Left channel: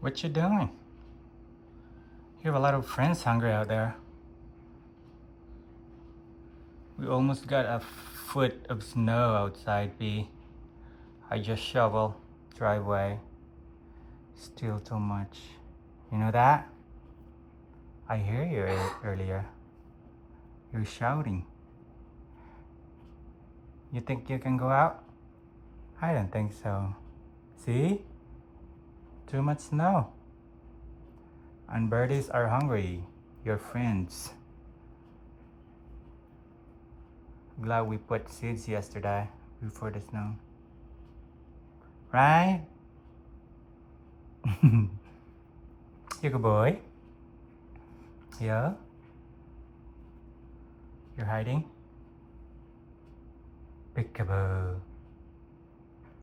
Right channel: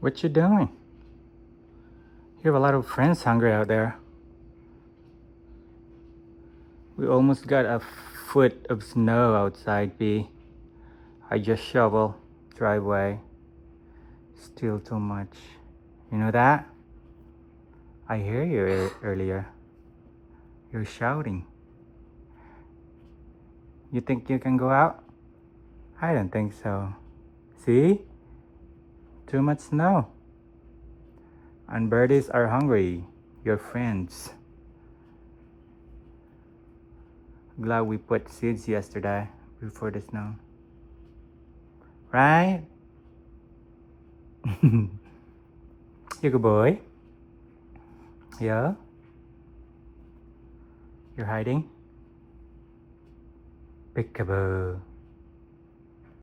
What you doing? You have a lot of friends hungry out there. We almost got a foot of snow outside, B. I just shovel driveway. Still too much. You know that? I hear you earlier. You're shouting. You think you can go out? I don't think so. See? Too much snow. And birdies are hungry. Your friends. Glad we put seeds yesterday before the snow. Right? You good boy? Yeah? You're hiding? Peekaboo.